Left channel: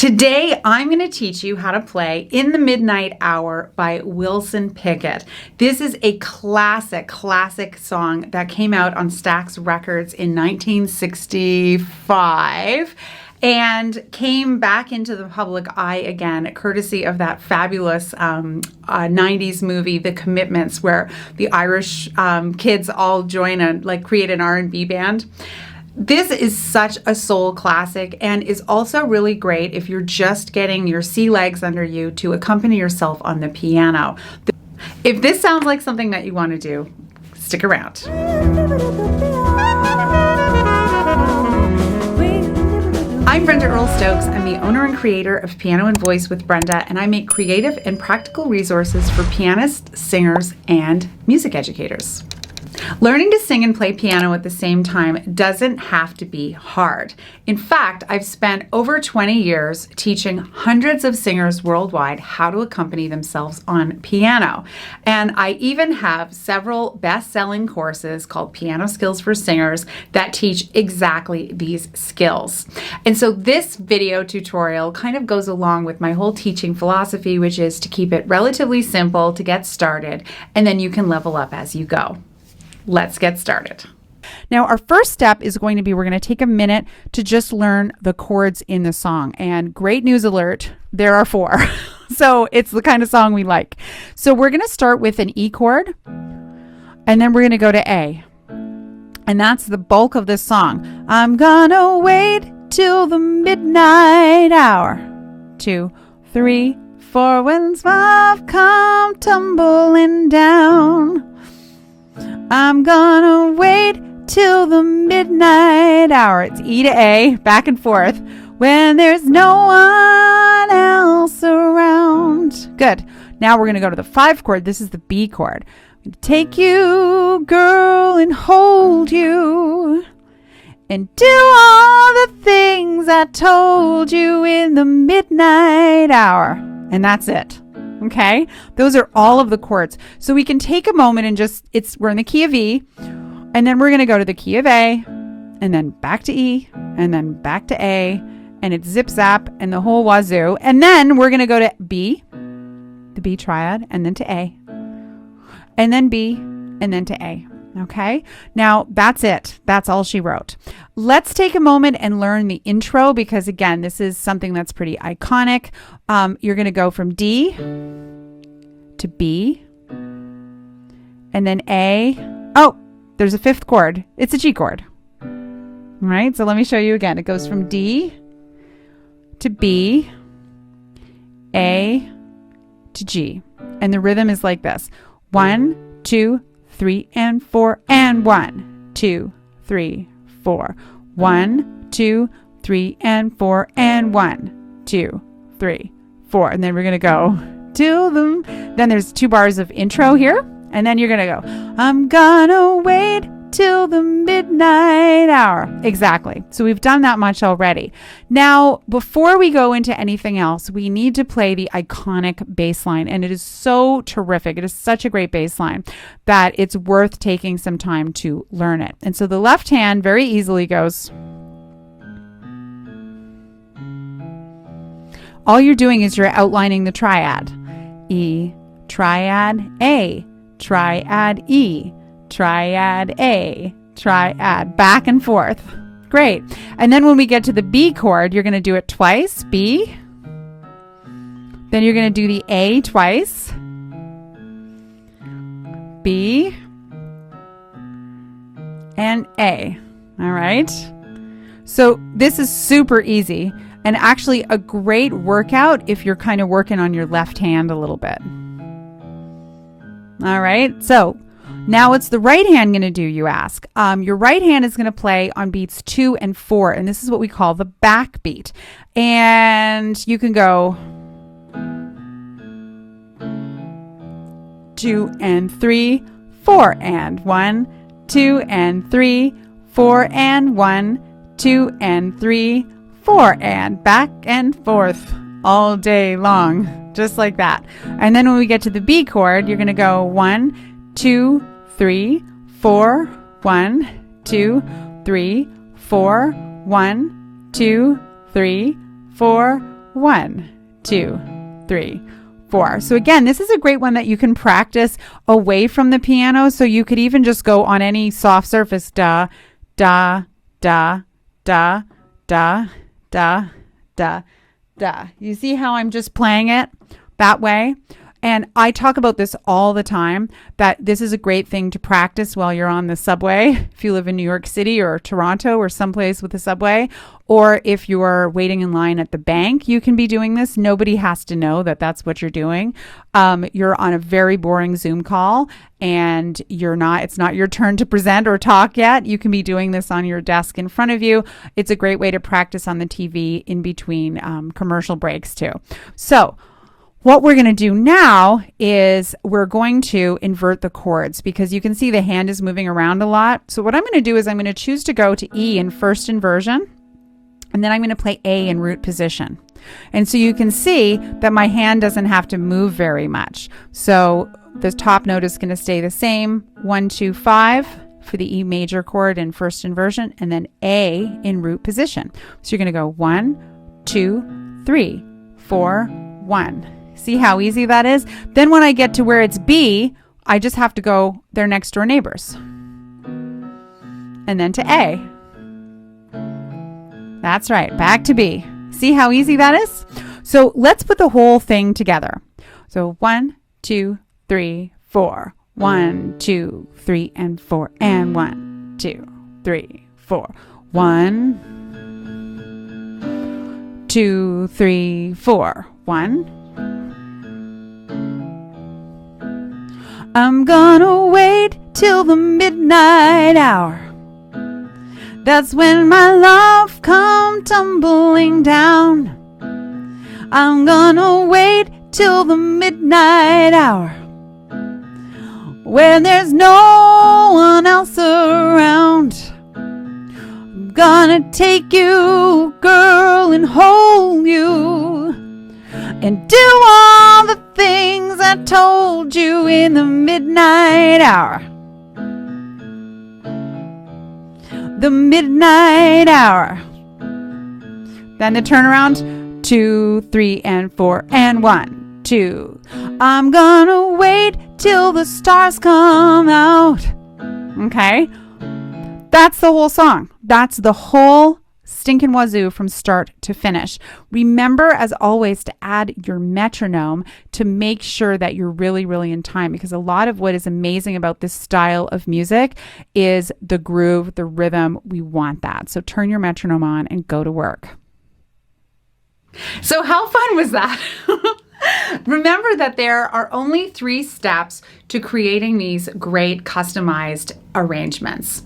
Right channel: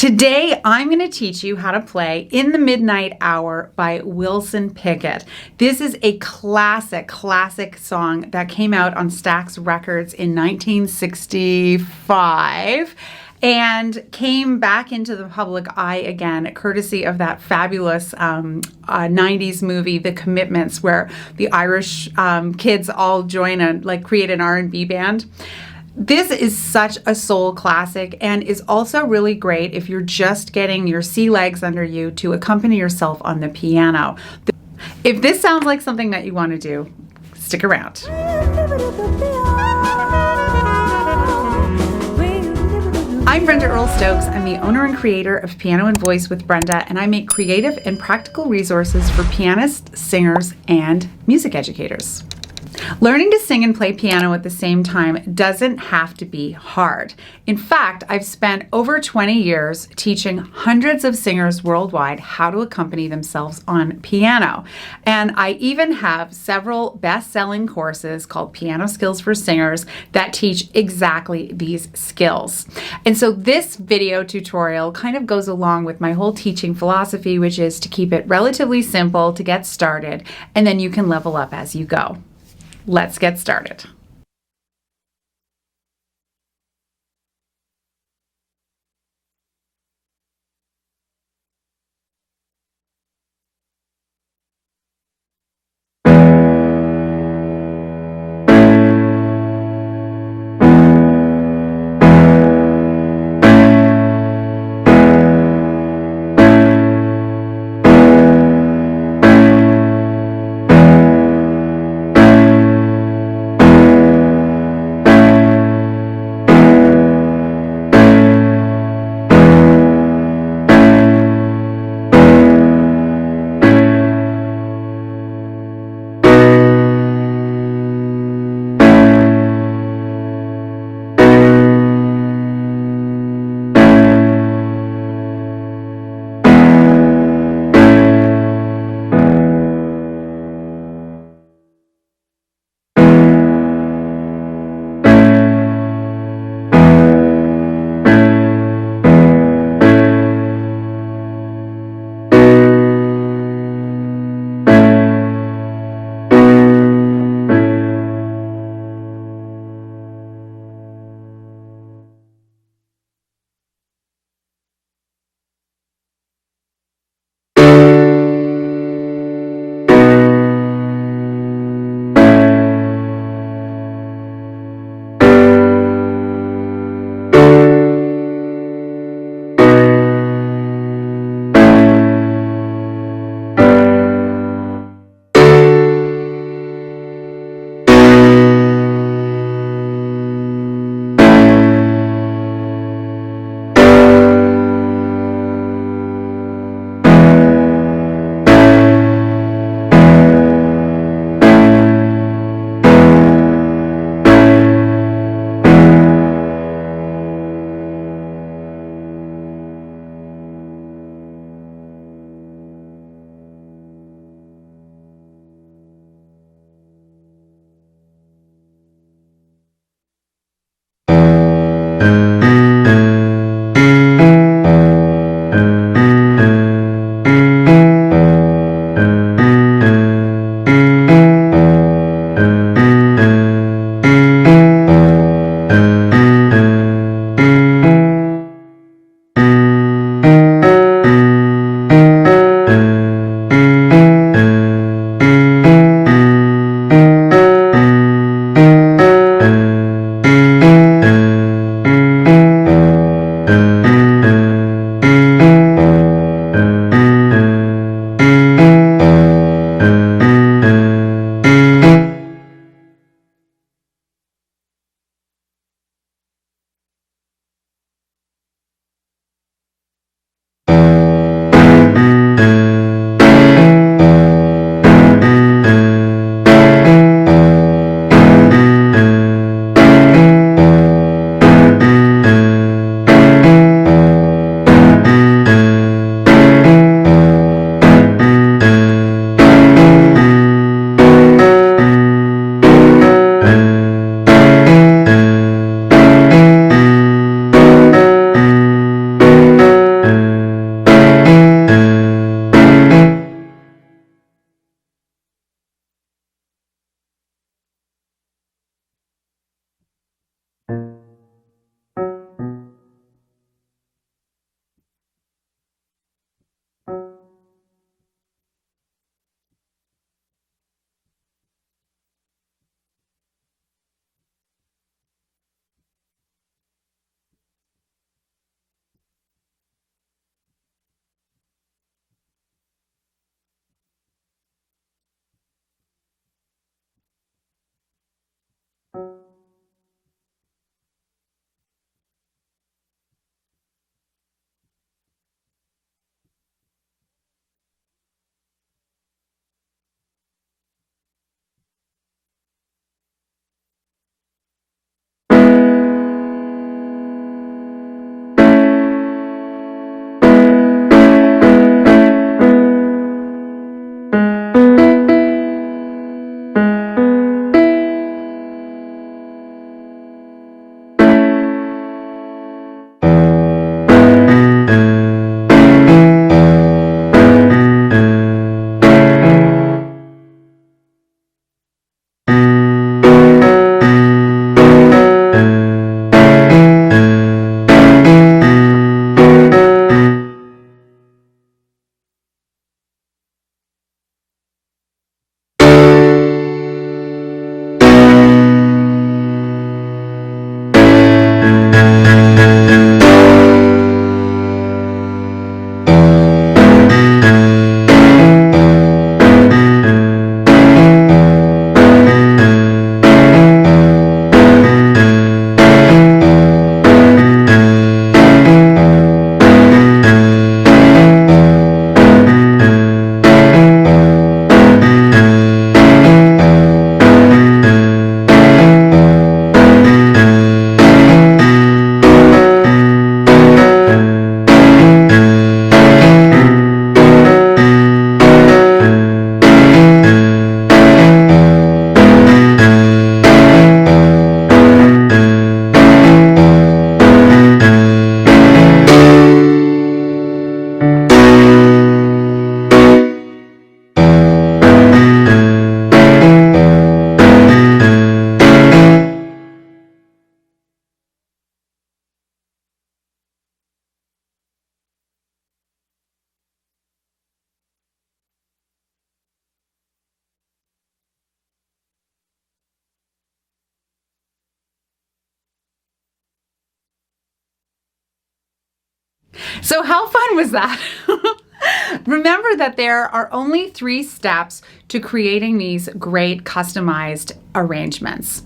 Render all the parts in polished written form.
Today, I'm going to teach you how to play In the Midnight Hour by Wilson Pickett. This is a classic song that came out on Stax Records in 1965 and came back into the public eye again, courtesy of that fabulous 90s movie, The Commitments, where the Irish kids all join and create an R&B band. This is such a soul classic and is also really great if you're just getting your sea legs under you to accompany yourself on the piano. If this sounds like something that you want to do, stick around. I'm Brenda Earl-Stokes. I'm the owner and creator of Piano and Voice with Brenda, and I make creative and practical resources for pianists, singers, and music educators. Learning to sing and play piano at the same time doesn't have to be hard. In fact, I've spent over 20 years teaching hundreds of singers worldwide how to accompany themselves on piano. And I even have several best-selling courses called Piano Skills for Singers that teach exactly these skills. And so this video tutorial kind of goes along with my whole teaching philosophy, which is to keep it relatively simple to get started, and then you can level up as you go. Let's get started. Now, our first step is going to be, we're going to take a minute to just learn the chords in the song. And great news alert, there are 4. So it's the kind of song we like. So we're going to start with an E chord, and then we're going to go to A. And that's the bulk of this song. I'm gonna wait till the midnight hour. 2, 3, 4, when love come tumbling down. I'm gonna wait till the midnight hour. It's E to A, back and forth, when there's no one else around. Good. Now we're gonna go to the 5 chord. This is the B chord. Take you, girl, and hold you, and do all the things I told you in the midnight hour. And that's it. Okay? Those are all of the chords. So we can take a moment and we're in the key of E, and then we're going to go to the key of A, and then back to E, and then back to A, and it's zip zap and the whole wazoo. And then we're going to go to B, the B triad, and then to A, and then B, and then to A. Okay? Now that's it. That's all she wrote. Let's take a moment and learn the intro, because again, this is something that's pretty iconic. You're going to go from D to B, and then A. Oh, there's a 5th chord. It's a G chord. All right, so let me show you again. It goes from D to B, A to G. And the rhythm is like this. 1, 2, 3, and 4, and 1, 2, 3, 4. 1, 2, 3, and 4, and 1, 2, 3, 4. And then we're going to go till the... Then there's 2 bars of intro here, and then you're going to go, I'm gonna wait till the midnight hour. Exactly. So we've done that much already. Now, before we go into anything else, we need to play the iconic bass line, and it is so terrific. It is such a great bass line that it's worth taking some time to learn it. And so the left hand very easily goes... All you're doing is you're outlining the triad. E, triad, A, triad, E, triad, A, triad, back and forth. Great. And then when we get to the B chord, you're going to do it twice, B. Then you're going to do the A twice, B, and A. All right? So this is super easy, and actually a great workout if you're kind of working on your left hand a little bit. All right, so now what's the right hand going to do, you ask? Your right hand is going to play on beats 2 and 4, and this is what we call the backbeat. And you can go 2 and 3, 4, and 1, 2 and 3, 4, and 1, 2 and 3, 4, and back and forth all day long, just like that. And then when we get to the B chord, we're going to go 1, 2, 3, 4, 1, 2, 3, 4, 1, 2, 3, 4, great one that you can practice away from the piano. So you could even just go on any soft surface, da, da, da, da, da, da, da, da. You see how I'm just playing it that way? And I talk about this all the time, that this is a great thing to practice while you're on the subway. If you live in New York City or Toronto or someplace with a subway, or if you're waiting in line at the bank, you can be doing this. Nobody has to know that that's what you're doing. You're on a very boring Zoom call and it's not your turn to present or talk yet. You can be doing this on your desk in front of you. It's a great way to practice on the TV in between commercial breaks too. So what we're going to do now is we're going to invert the chords, because you can see the hand is moving around a lot. So what I'm going to do is I'm going to choose to go to E in first inversion, and then I'm going to play A in root position. And so you can see that my hand doesn't have to move very much. So the top note is going to stay the same, 1, 2, 5 for the E major chord in first inversion, and then A in root position. So you're going to go 1, 2, 3. Easy that is. Then when I get to where it's B, I just have to go their next door neighbors. And then to A. That's right, back to B. See how easy that is? So let's put the whole thing together. So 1, 2, 3, 4. 1, 2, 3, and 4. 1, 2, 3, 4. 1, 2, 3, 4. Song. That's the whole stinking wazoo from start to finish. Remember, as always, to add your metronome to make sure that you're really, really in time, because a lot of what is amazing about this style of music is the groove, the rhythm. We want that. So turn your metronome on and go to work. So how fun was that? Remember that there are only 3 steps to creating these great customized arrangements.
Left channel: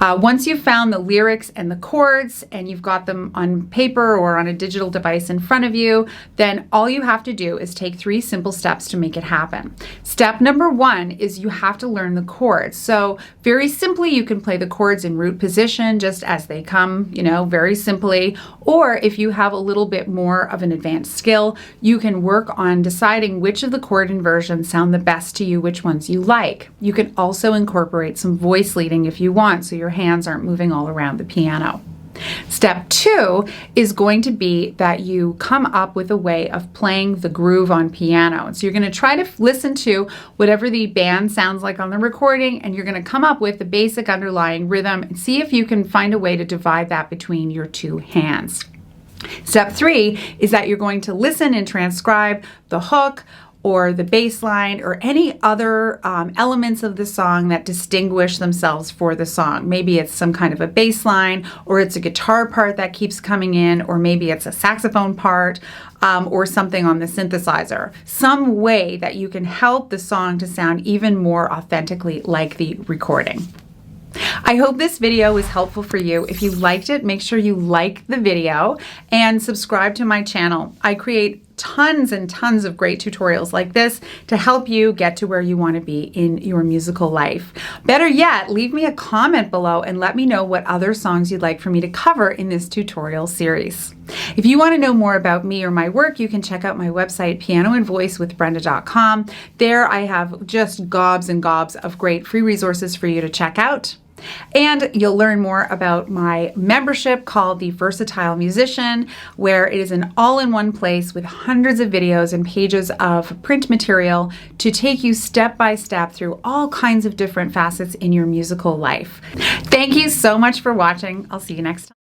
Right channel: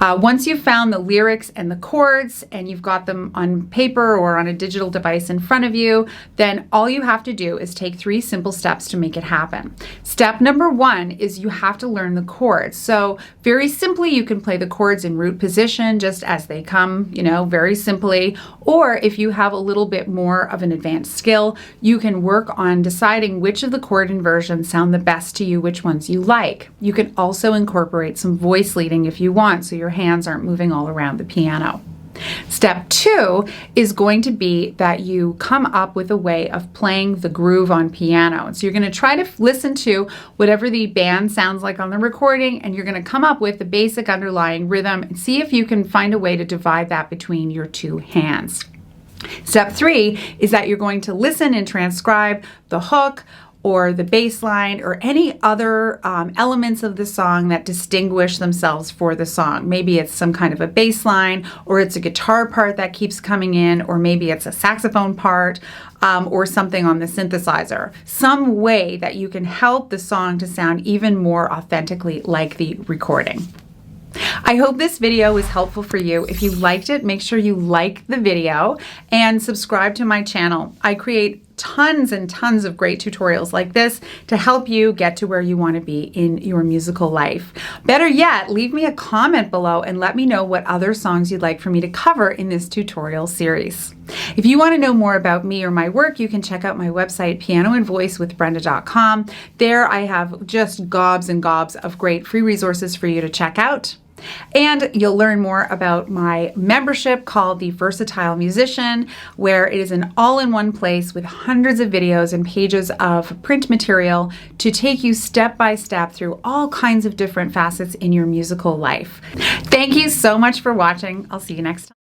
Once you've found the lyrics and the chords and you've got them on paper or on a digital device in front of you, then all you have to do is take 3 simple steps to make it happen. Step number 1 is you have to learn the chords. So very simply, you can play the chords in root position just as they come, very simply. Or if you have a little bit more of an advanced skill, you can work on deciding which of the chord inversions sound the best to you, which ones you like. You can also incorporate some voice leading if you want, so your hands aren't moving all around the piano. Step 2 is going to be that you come up with a way of playing the groove on piano. So you're going to try to listen to whatever the band sounds like on the recording, and you're going to come up with the basic underlying rhythm and see if you can find a way to divide that between your 2 hands. Step 3 is that you're going to listen and transcribe the hook or the bass line or any other elements of the song that distinguish themselves for the song. Maybe it's some kind of a bass line, or it's a guitar part that keeps coming in, or maybe it's a saxophone part, or something on the synthesizer. Some way that you can help the song to sound even more authentically like the recording. I hope this video was helpful for you. If you liked it, make sure you like the video and subscribe to my channel. I create tons and tons of great tutorials like this to help you get to where you want to be in your musical life. Better yet, leave me a comment below and let me know what other songs you'd like for me to cover in this tutorial series. If you want to know more about me or my work, you can check out my website, pianoandvoicewithbrenda.com. There I have just gobs and gobs of great free resources for you to check out. And you'll learn more about my membership called the Versatile Musician, where it is an all-in-one place with hundreds of videos and pages of print material to take you step by step through all kinds of different facets in your musical life. Thank you so much for watching. I'll see you next time.